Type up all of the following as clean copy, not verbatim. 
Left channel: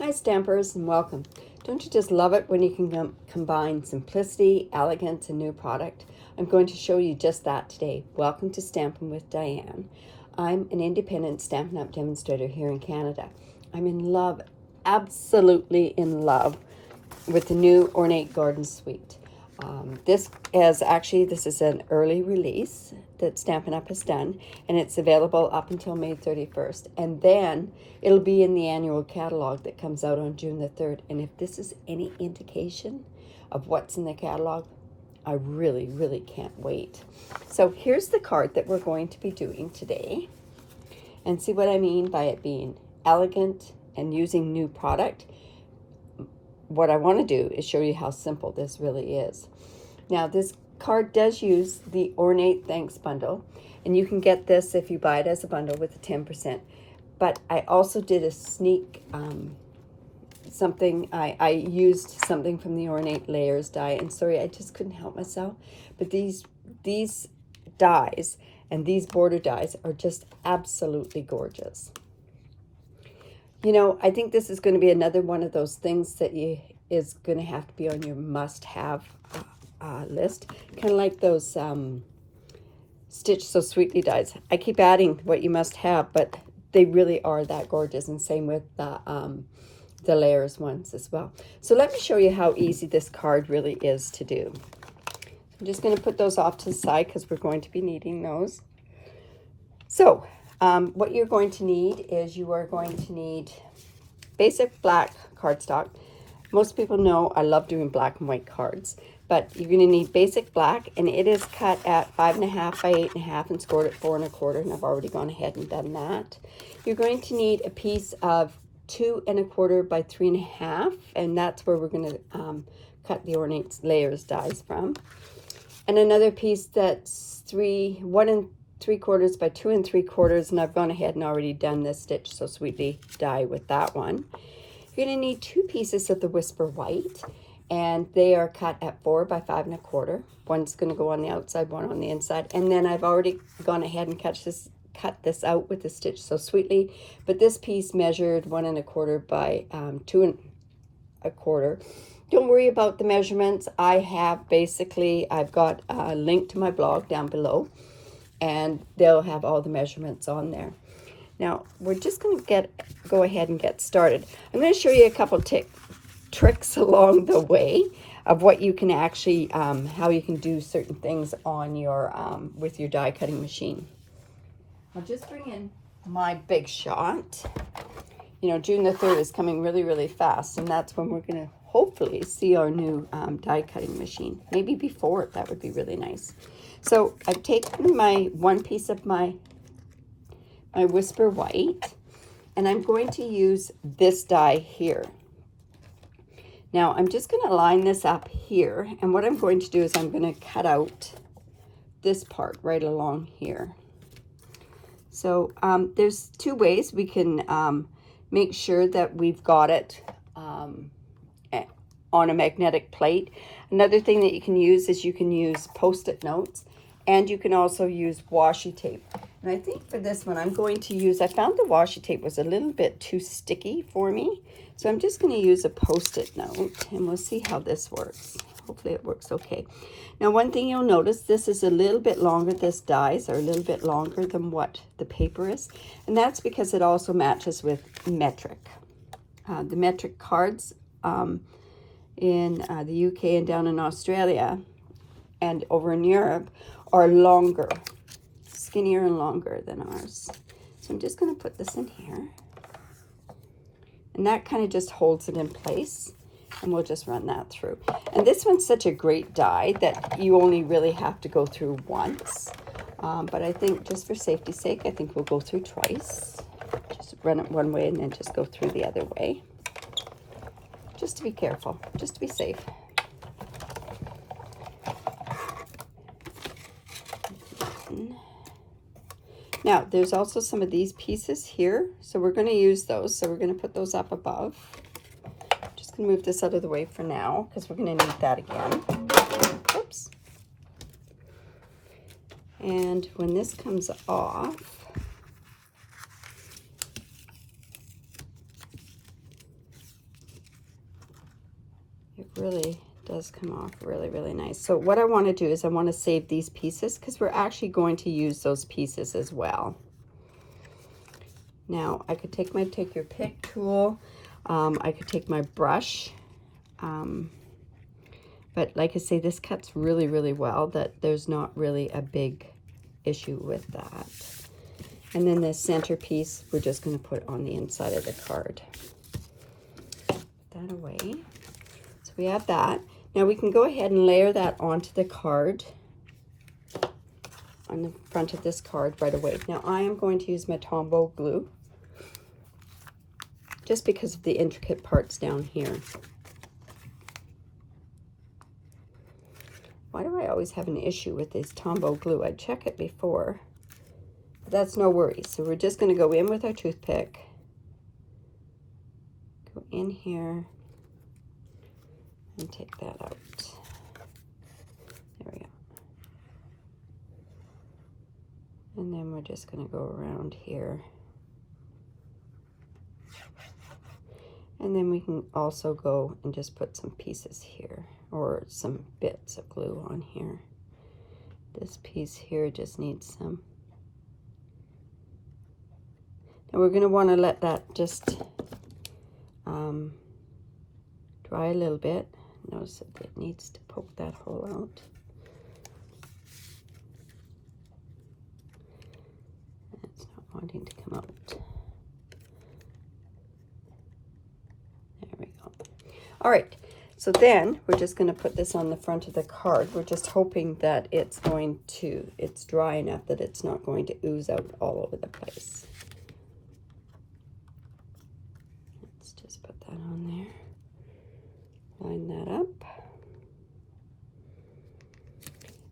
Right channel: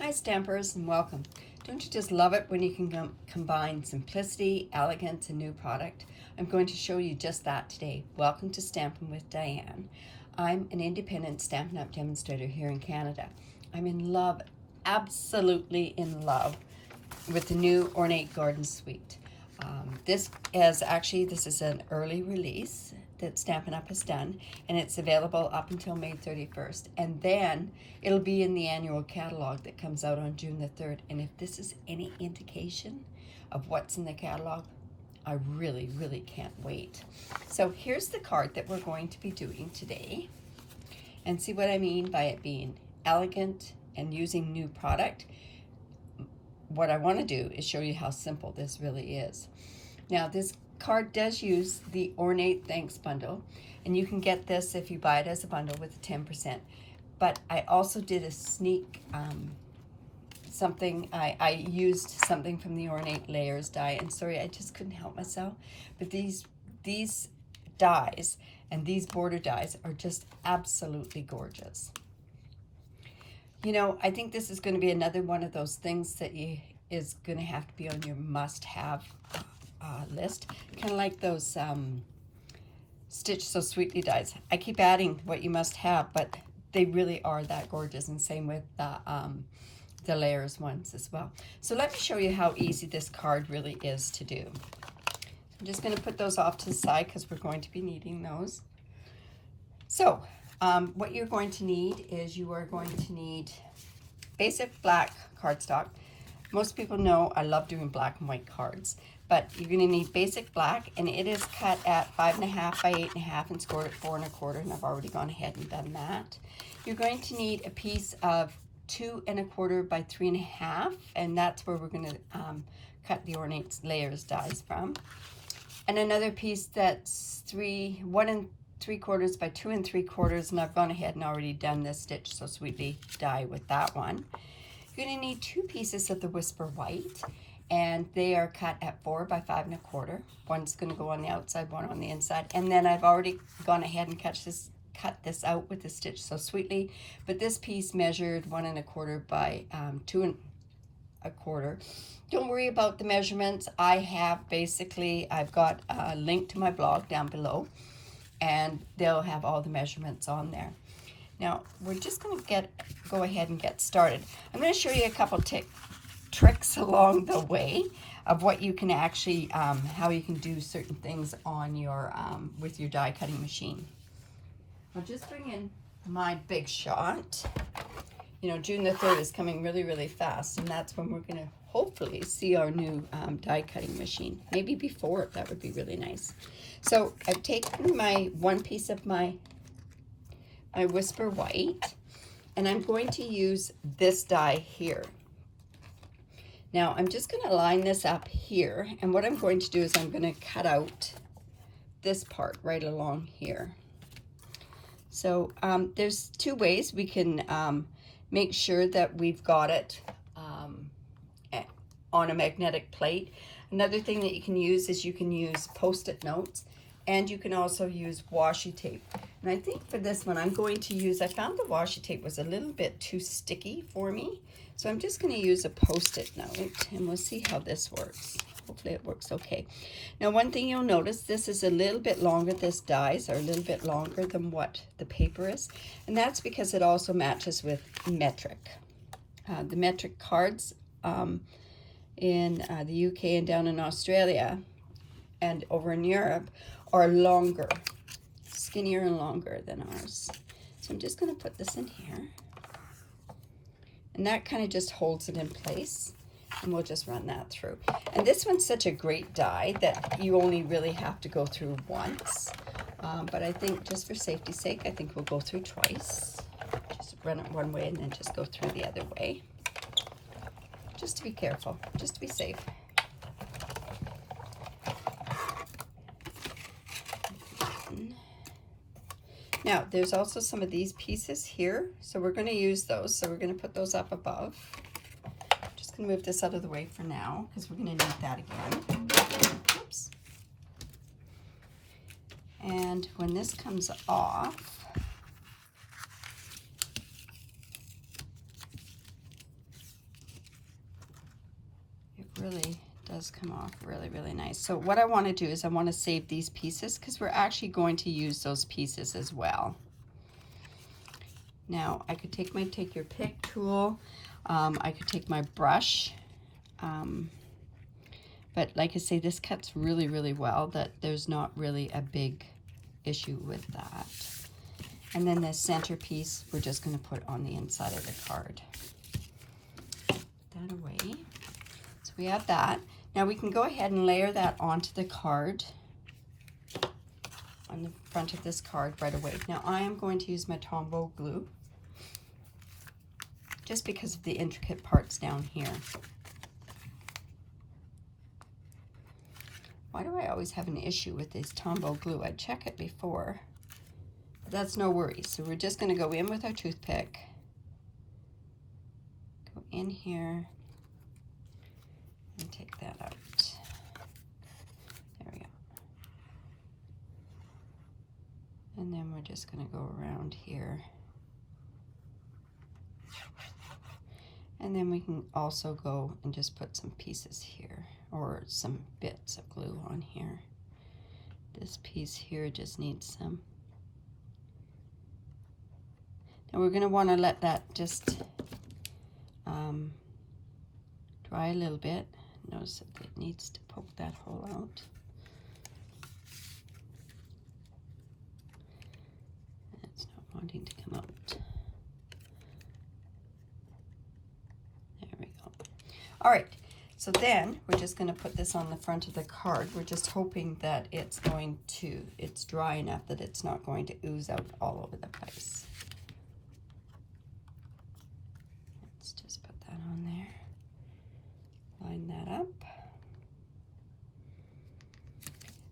Hi Stampers and welcome. Don't you just love it when you can combine simplicity, elegance, and new product? I'm going to show you just that today. Welcome to Stampin' with Diane. I'm an independent Stampin' Up Demonstrator here in Canada. I'm in love, absolutely in love with the new Ornate Garden Suite. This is an early release that Stampin' Up has done, and it's available up until May 31st. And then it'll be in the annual catalog that comes out on June the 3rd. And if this is any indication of what's in the catalog, I really, really can't wait. So here's the card that we're going to be doing today. And see what I mean by it being elegant and using new product. What I want to do is show you how simple this really is. Now this card does use the Ornate Thanks Bundle, and you can get this if you buy it as a bundle with a 10%. But I also did a sneak something. I used something from the Ornate Layers die, and sorry, I just couldn't help myself. But these dies and these border dies are just absolutely gorgeous. You know, I think this is going to be another one of those things that is going to have to be on your must-have list. Kind of like those Stitch So Sweetly dies. I keep adding what you must have, but they really are that gorgeous, and same with the layers ones as well. So let me show you how easy this card really is to do. I'm just going to put those off to the side because we're going to be needing those. So what you're going to need is you are going to need basic black cardstock. Most people know I love doing black and white cards, but you're going to need basic black, and it is cut at 5.5 by 8.5 and scored at 4 1/4, and I've already gone ahead and done that. You're going to need a piece of 2 1/4 by 3.5, and that's where we're going to cut the Ornate Layers dies from. And another piece that's 1 3/4 by 2 3/4, and I've gone ahead and already done this Stitch So Sweetly die with that one. You're going to need 2 pieces of the Whisper White, and they are cut at 4 by 5 1/4. One's going to go on the outside, one on the inside, and then I've already gone ahead and cut this out with the Stitch So Sweetly, but this piece measured 1 1/4 by 2 1/4. Don't worry about the measurements. I've got a link to my blog down below, and they'll have all the measurements on there. Now we're just going to go ahead and get started. I'm going to show you a couple tricks along the way of what you can actually how you can do certain things on your with your die cutting machine. I'll just bring in my big shot. You know, June the 3rd is coming really, really fast, and that's when we're going to hopefully see our new die cutting machine. Maybe before, that would be really nice. So I've taken my one piece of my Whisper White, and I'm going to use this die here. Now I'm just going to line this up here, and what I'm going to do is I'm going to cut out this part right along here. So there's 2 ways we can make sure that we've got it on a magnetic plate. Another thing that you can use is you can use Post-it notes, and you can also use washi tape. And I think for this one I'm going to use, I found the washi tape was a little bit too sticky for me, so I'm just going to use a Post-it note, and we'll see how this works. Hopefully it works okay. Now one thing you'll notice, this is a little bit longer, this dies are a little bit longer than what the paper is, and that's because it also matches with metric. The metric cards in the UK and down in Australia and over in Europe are longer, skinnier and longer than ours. So I'm just going to put this in here, and that kind of just holds it in place, and we'll just run that through. And this one's such a great die that you only really have to go through once, but I think just for safety's sake, I think we'll go through twice. Just run it one way and then just go through the other way, just to be careful, just to be safe. Now there's also some of these pieces here, so we're going to use those, so we're going to put those up above. Just going to move this out of the way for now because we're going to need that again. Oops. And when this comes off, really does come off really, really nice. So what I want to do is I want to save these pieces because we're actually going to use those pieces as well. Now I could take my take your pick tool. I could take my brush. But like I say, this cuts really, really well, that there's not really a big issue with that. And then the centerpiece, we're just going to put on the inside of the card. Put that away. So we have that. Now we can go ahead and layer that onto the card, on the front of this card right away. Now I am going to use my Tombow glue, just because of the intricate parts down here. Why do I always have an issue with this Tombow glue? I checked it before, but that's no worries. So we're just going to go in with our toothpick, go in here, and take that out. There we go. And then we're just going to go around here. And then we can also go and just put some pieces here, or some bits of glue on here. This piece here just needs some. Now we're going to want to let that just dry a little bit. Notice that it needs to poke that hole out. It's not wanting to come out. All right, so then we're just going to put this on the front of the card. We're just hoping that it's dry enough that it's not going to ooze out all over the place. Let's just put that on there. Line that up.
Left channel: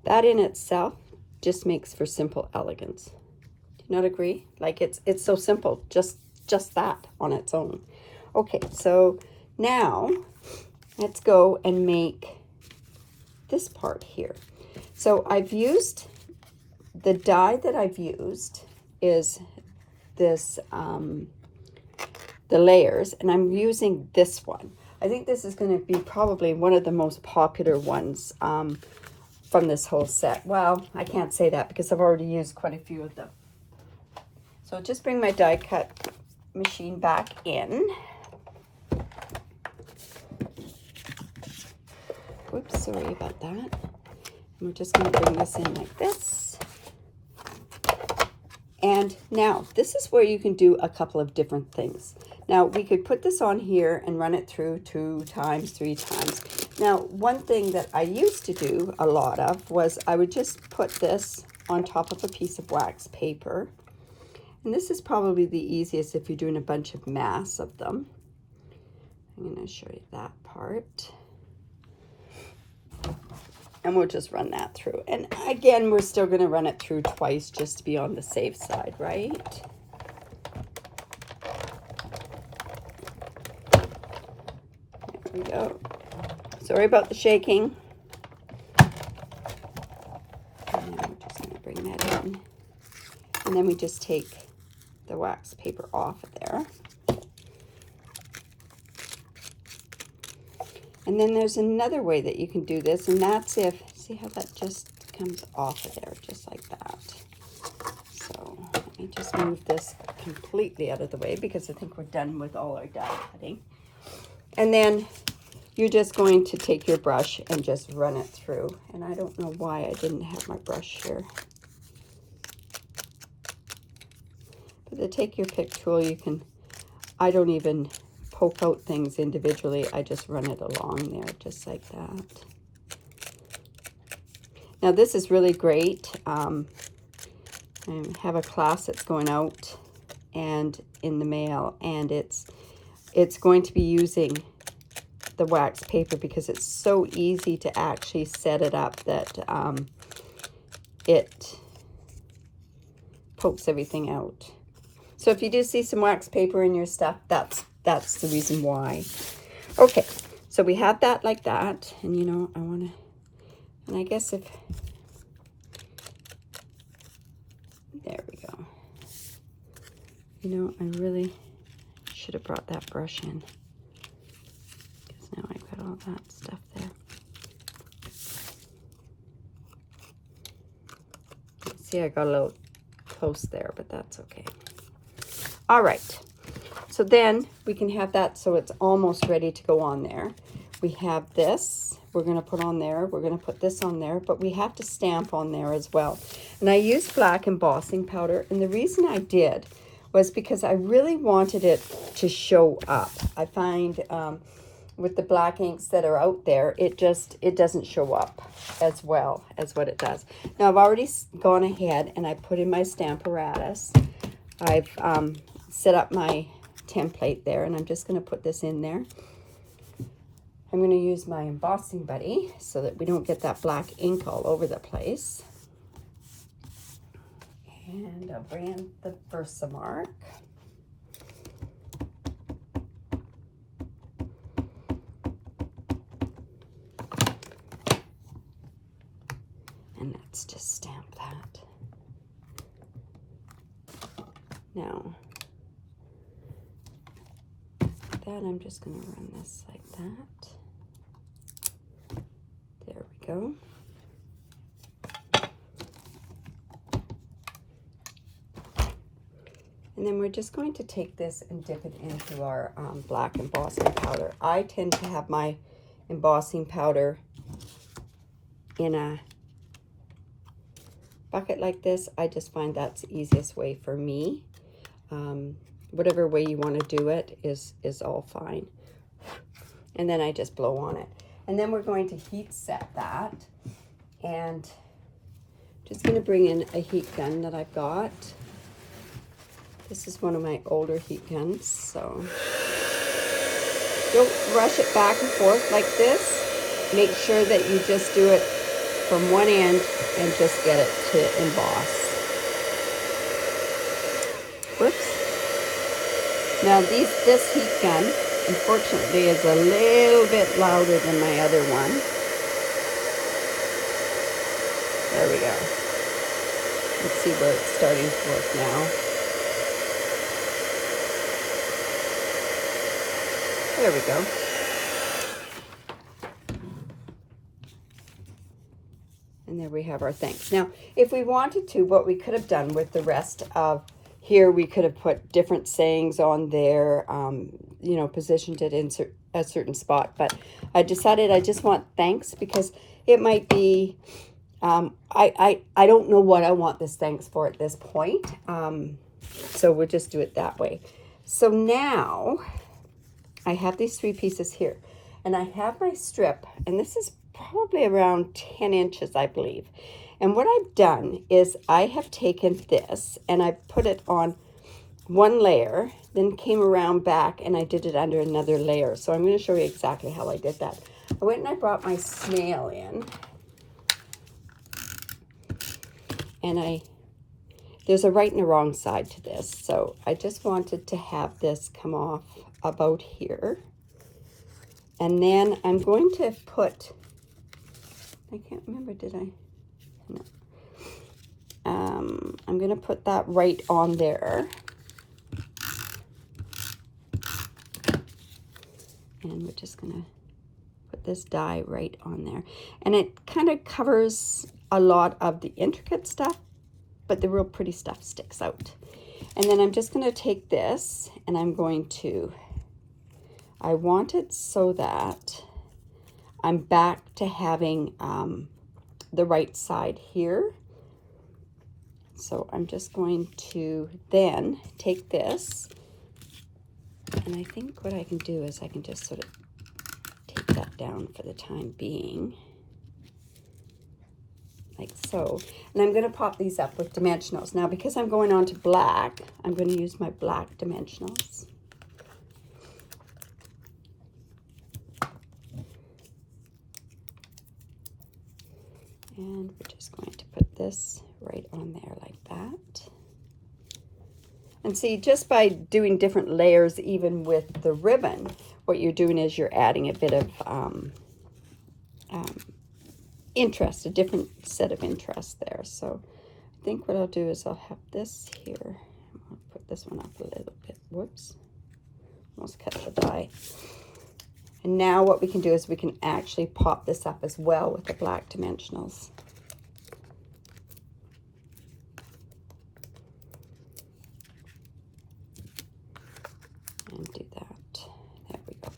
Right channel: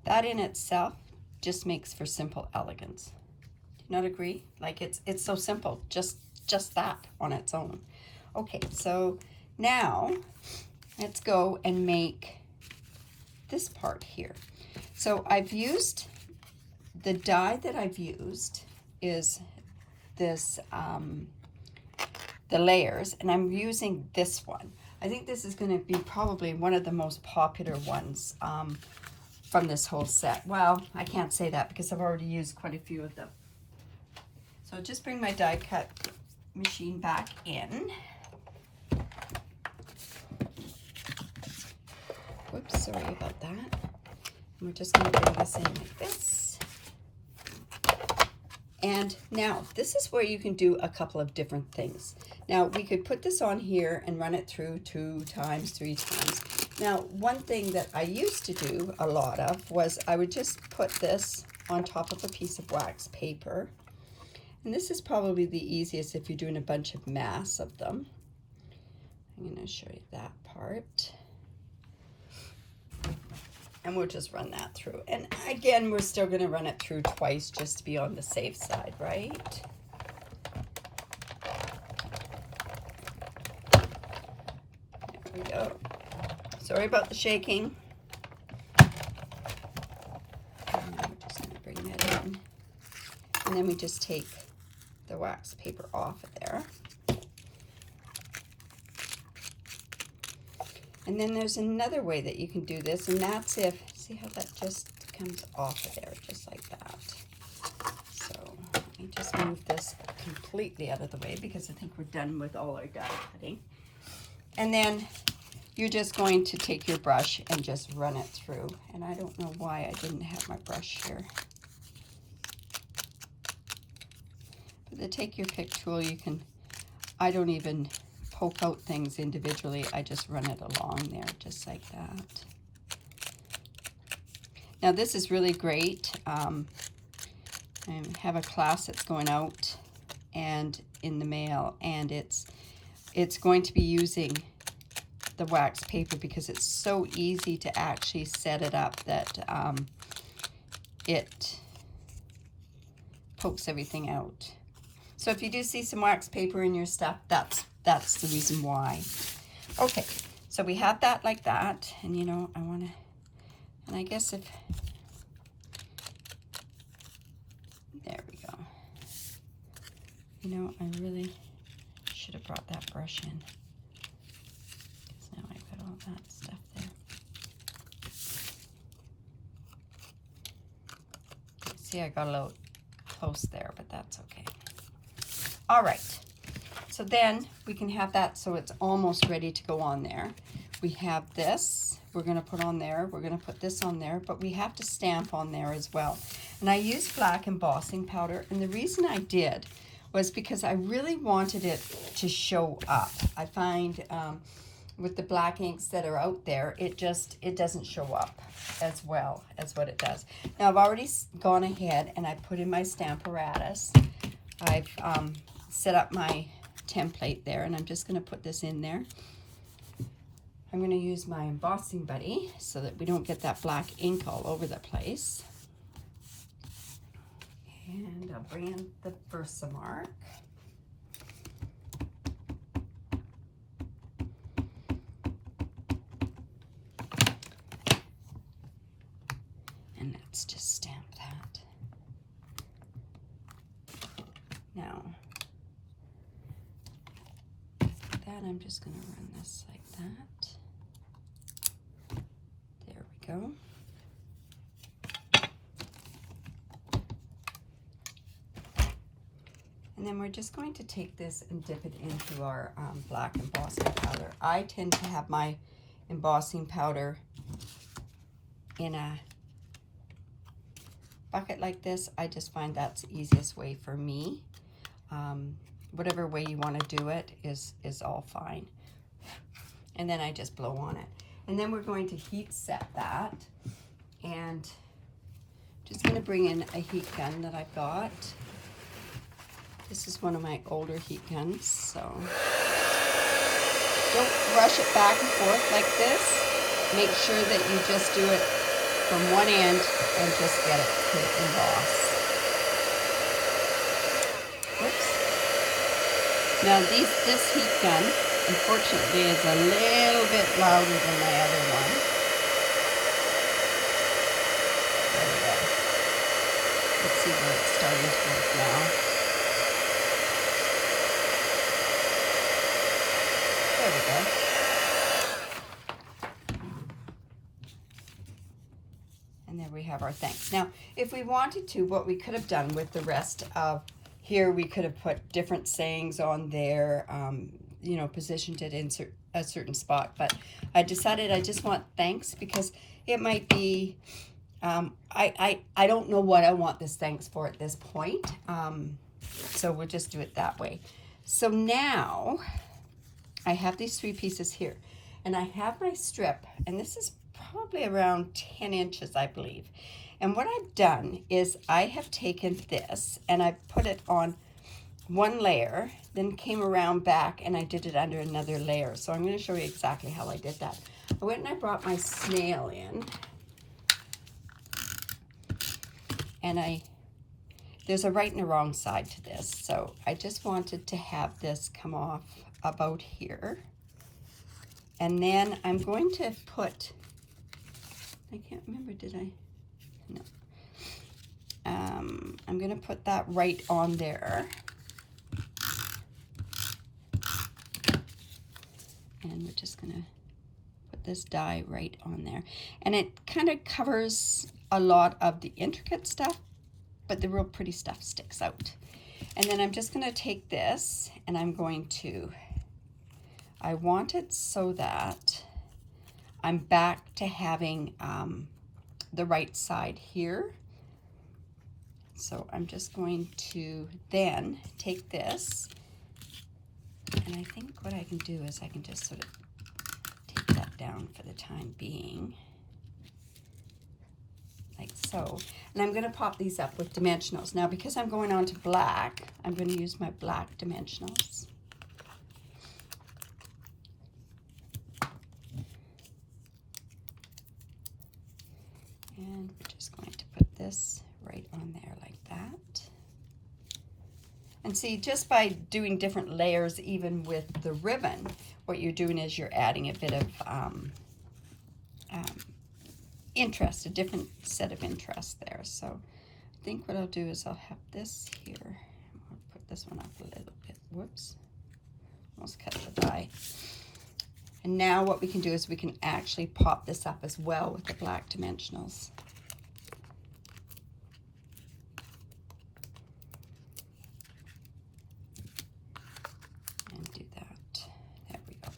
That in itself just makes for simple elegance. Do you not agree? Like it's so simple, just that on its own. Okay, so now let's go and make this part here. So I've used, the die that I've used is this, the layers, and I'm using this one. I think this is going to be probably one of the most popular ones from this whole set. Well, I can't say that because I've already used quite a few of them. So I'll just bring my die cut machine back in. Whoops, sorry about that. We're just going to bring this in like this. And now, this is where you can do a couple of different things. Now, we could put this on here and run it through 2 times, 3 times. Now, one thing that I used to do a lot of was I would just put this on top of a piece of wax paper. And this is probably the easiest if you're doing a bunch of mass of them. I'm going to show you that part. And we'll just run that through. And again, we're still going to run it through twice just to be on the safe side, right? There we go. Sorry about the shaking. And then we're just going to bring that in. And then we just take the wax paper off of there. And then there's another way that you can do this, and that's if, see how that just comes off of there, just like that. So let me just move this completely out of the way because I think we're done with all our die cutting. And then you're just going to take your brush and just run it through. And I don't know why I didn't have my brush here. But the take your pick tool, you can, I don't even poke out things individually. I just run it along there just like that. Now this is really great. I have a class that's going out and in the mail, and it's going to be using the wax paper because it's so easy to actually set it up that it pokes everything out. So if you do see some wax paper in your stuff, that's the reason why. Okay, so we have that like that, and you know, I want to, and I guess if, there we go. You know, I really should have brought that brush in, because now I've got all that stuff there. See, I got a little close there, but that's okay. All right, so then we can have that so it's almost ready to go on there. We have this we're going to put on there. We're going to put this on there, but we have to stamp on there as well. And I used black embossing powder, and the reason I did was because I really wanted it to show up. I find with the black inks that are out there, it doesn't show up as well as what it does. Now I've already gone ahead and I put in my Stamparatus. I've set up my template there, and I'm just going to put this in there. I'm going to use my embossing buddy so that we don't get that black ink all over the place. And I'll bring in the Versamark. And let's just stamp that. Now, that I'm just going to run this like that. There we go. And then we're just going to take this and dip it into our black embossing powder. I tend to have my embossing powder in a bucket like this. I just find that's the easiest way for me. Whatever way you want to do it is all fine. And then I just blow on it. And then we're going to heat set that. And just going to bring in a heat gun that I've got. This is one of my older heat guns, so don't rush it back and forth like this. Make sure that you just do it from one end and just get it to emboss. Whoops. Now this heat gun, unfortunately, is a little bit louder than my other one. There we go. Let's see where it's starting to work now. There we go. And there we have our thanks. Now, if we wanted to, what we could have done with the rest of here, we could have put different sayings on there, you know, positioned it in a certain spot. But I decided I just want thanks because it might be, I don't know what I want this thanks for at this point. So we'll just do it that way. So now I have these 3 pieces here, and I have my strip, and this is probably around 10 inches, I believe. And what I've done is I have taken this and I put it on one layer, then came around back and I did it under another layer. So I'm going to show you exactly how I did that. I went and I brought my snail in, and there's a right and a wrong side to this. So I just wanted to have this come off about here. And then I'm going to put, I can't remember, did I? No. I'm going to put that right on there. And we're just going to put this die right on there. And it kind of covers a lot of the intricate stuff, but the real pretty stuff sticks out. And then I'm just going to take this and I'm going to, I want it so that I'm back to having the right side here. So I'm just going to then take this, and I think what I can do is I can just sort of take that down for the time being, like so. And I'm going to pop these up with dimensionals. Now, because I'm going on to black, I'm going to use my black dimensionals. And we're just going to put this right on there like that. And see, just by doing different layers, even with the ribbon, what you're doing is you're adding a bit of interest, a different set of interest there. So I think what I'll do is I'll have this here. I'll put this one up a little bit. Whoops. Almost cut the die. And now what we can do is we can actually pop this up as well with the black dimensionals. And do that. There we go.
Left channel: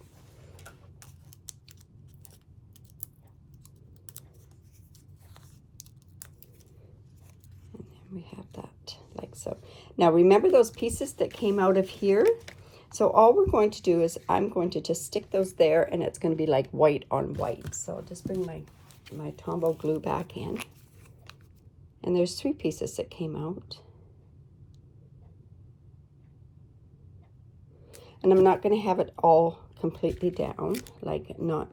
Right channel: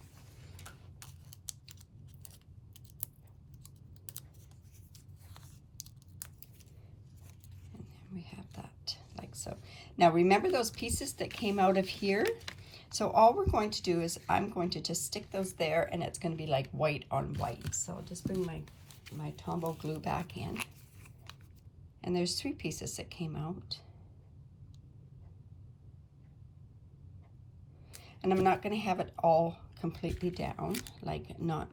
And then we have that like so. Now remember those pieces that came out of here? So all we're going to do is I'm going to just stick those there, and it's going to be like white on white. So I'll just bring my Tombow glue back in. And there's 3 pieces that came out. And I'm not going to have it all completely down, like not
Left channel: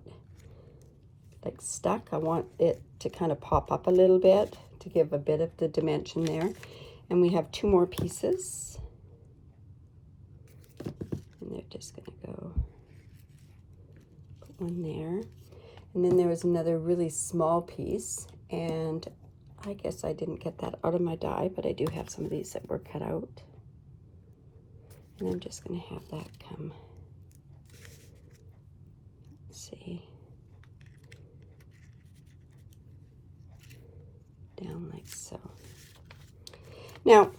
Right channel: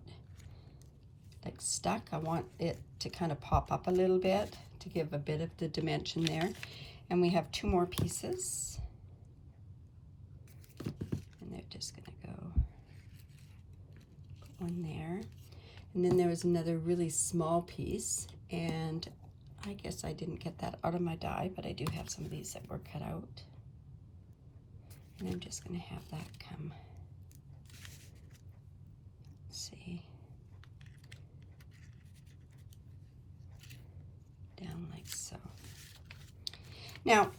like stuck. I want it to kind of pop up a little bit to give a bit of the dimension there. And we have 2 more pieces. And they're just going to go, put one there. And then there was another really small piece, and I guess I didn't get that out of my die, but I do have some of these that were cut out. And I'm just going to have that come, let's see, down like so. Now,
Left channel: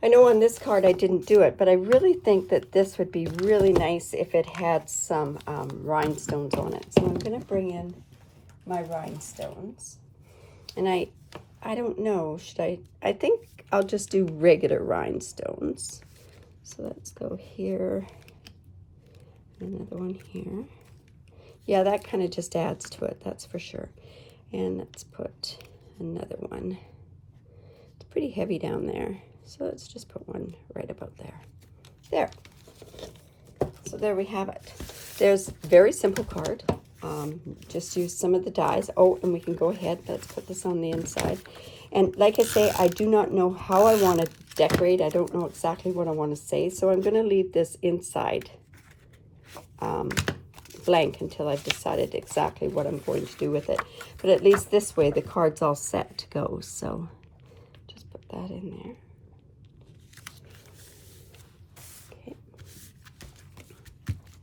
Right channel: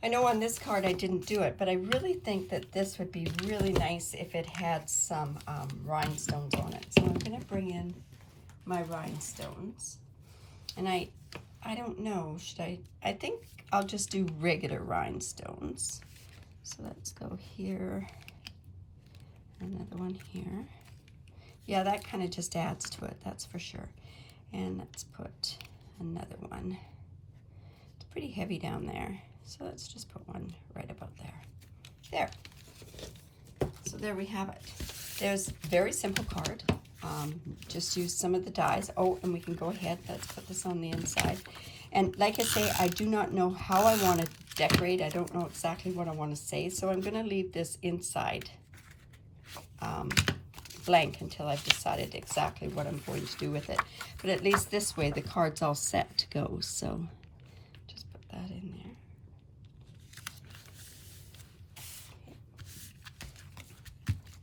I know on this card I didn't do it, but I really think that this would be really nice if it had some rhinestones on it. So I'm going to bring in my rhinestones. And I don't know, I think I'll just do regular rhinestones. So let's go here, another one here. Yeah, that kind of just adds to it, that's for sure. And let's put another one. It's pretty heavy down there. So let's just put one right about there. There. So there we have it. There's a very simple card. Just use some of the dies. Oh, and we can go ahead. Let's put this on the inside. And like I say, I do not know how I want to decorate. I don't know exactly what I want to say. So I'm going to leave this inside blank until I've decided exactly what I'm going to do with it. But at least this way, the card's all set to go. So just put that in there.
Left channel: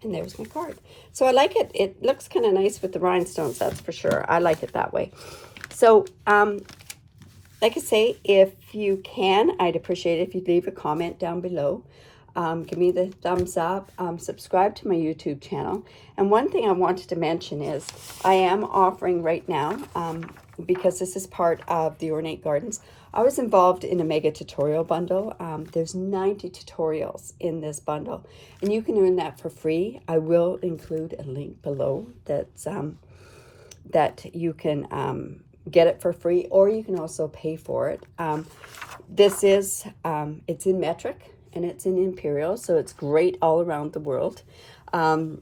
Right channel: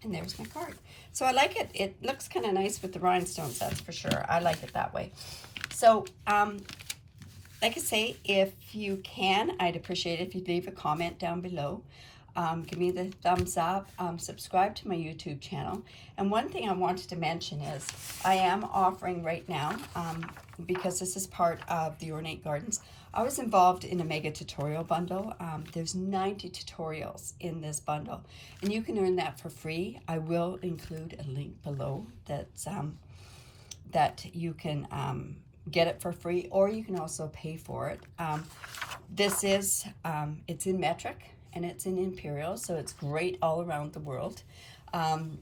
And there's my card. So I like it. It looks kind of nice with the rhinestones, that's for sure. I like it that way. So, like I say, if you can, I'd appreciate it if you'd leave a comment down below. Give me the thumbs up. Subscribe to my YouTube channel. And one thing I wanted to mention is I am offering right now, because this is part of the Ornate Gardens, I was involved in a mega tutorial bundle. There's 90 tutorials in this bundle, and you can earn that for free. I will include a link below that's, that you can get it for free, or you can also pay for it. This is, it's in metric and it's in imperial, so it's great all around the world. And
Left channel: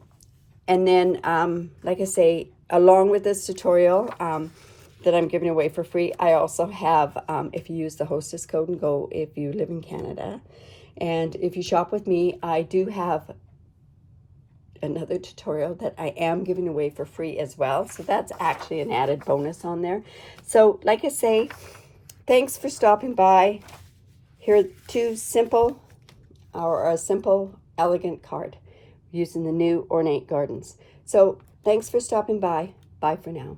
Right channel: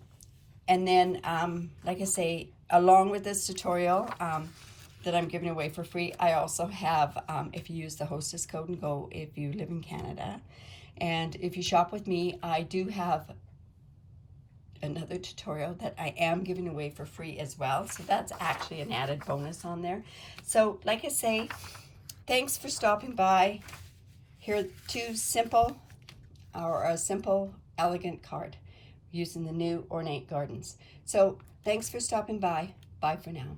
then, like I say, along with this tutorial, that I'm giving away for free, I also have, if you use the hostess code and go, if you live in Canada, and if you shop with me, I do have another tutorial that I am giving away for free as well. So that's actually an added bonus on there. So like I say, thanks for stopping by. Here are 2 simple, or a simple, elegant card using the new Ornate Gardens. So thanks for stopping by. Bye for now.